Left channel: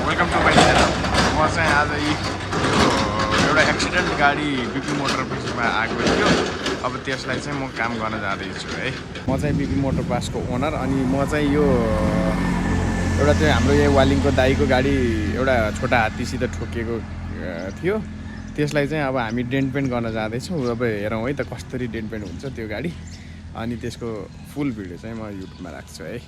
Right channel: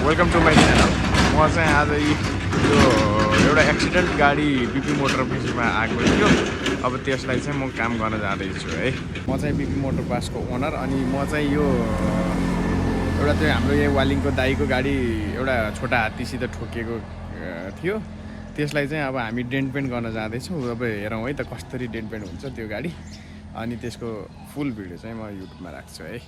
Welcome to my channel. म चाहिँ आज यो एउटा एक्सिडेन्ट गाडी बिपी मोटर पासमा आएको थियो। अब त्यसलाई चाहिँ म काम गर्न जाँदैछु है। म चाहिँ बिपी मोटर पासको ओनर। अनि म चाहिँ यो एउटा चाहिँ हाम्रो यहाँ वालिङको दाईको गाडी एउटा छोटा हात्तीसित ठोकिएको थियो। त्यसलाई चाहिँ अब हामी डेन्ट पेन्ट गर्न जाँदैछौँ। अब हेरौँ है त कसरी डेन्ट पेन्ट हुन्छ त्यो गाडी। अनि त्यसको फुल भिडियो चाहिँ म युट्युबमा राख्छु है।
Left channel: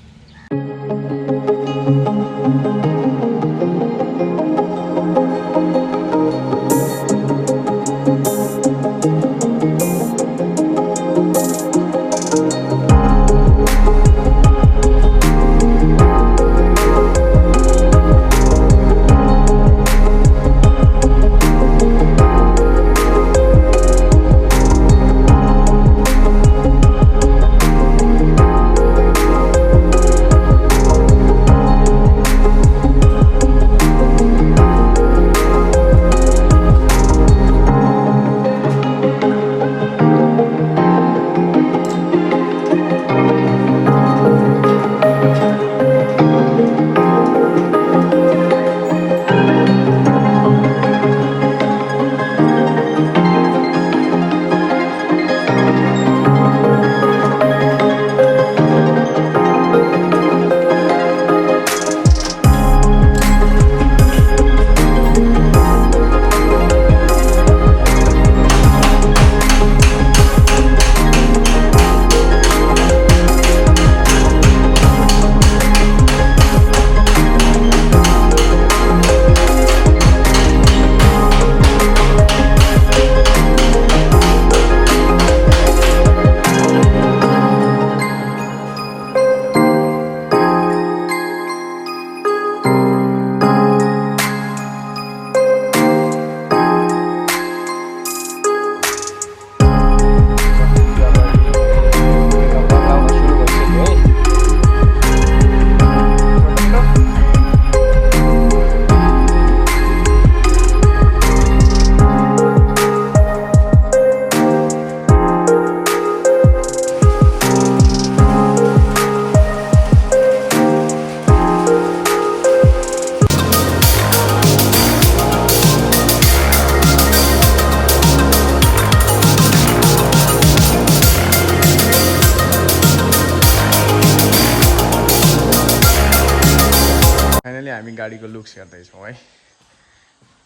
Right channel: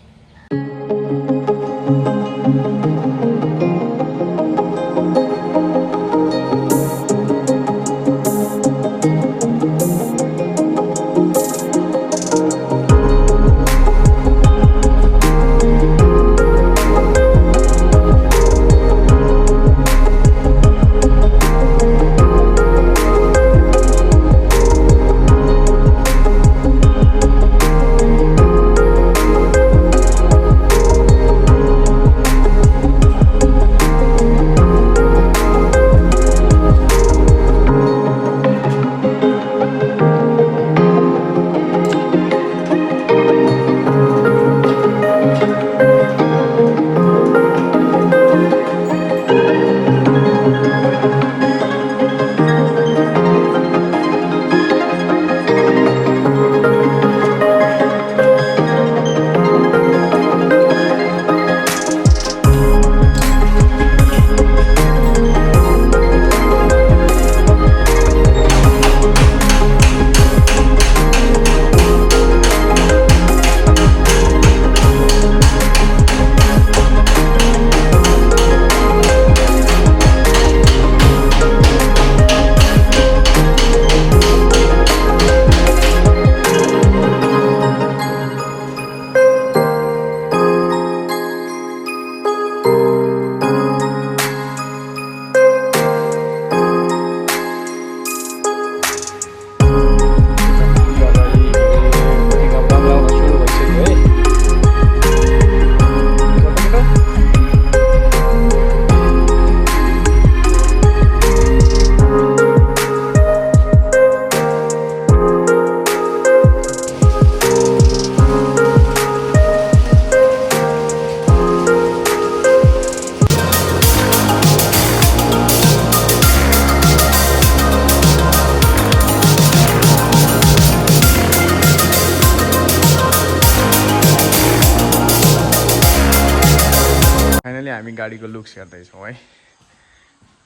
फाइनली हामी गाडीको लुक्स हेर्दैछौँ है।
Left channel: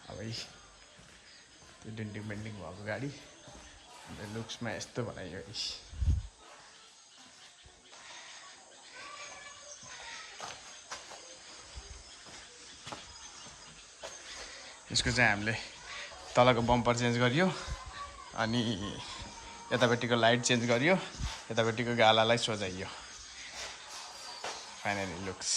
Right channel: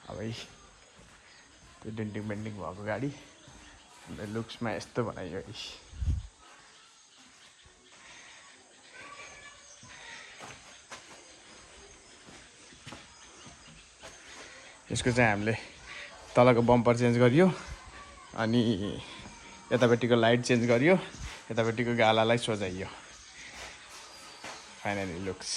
अब त्यो डेन्टिङ पेन्टिङ भएको गाडी लुक्समा यस्तो बनाइयो। यसको चाहिँ हामीले तलको बम्पर चेन्ज गरियो, अनि यतापट्टिको लाइट चेन्ज गरियो, यतापट्टिको गालालाई सोझाइयो। Finally looks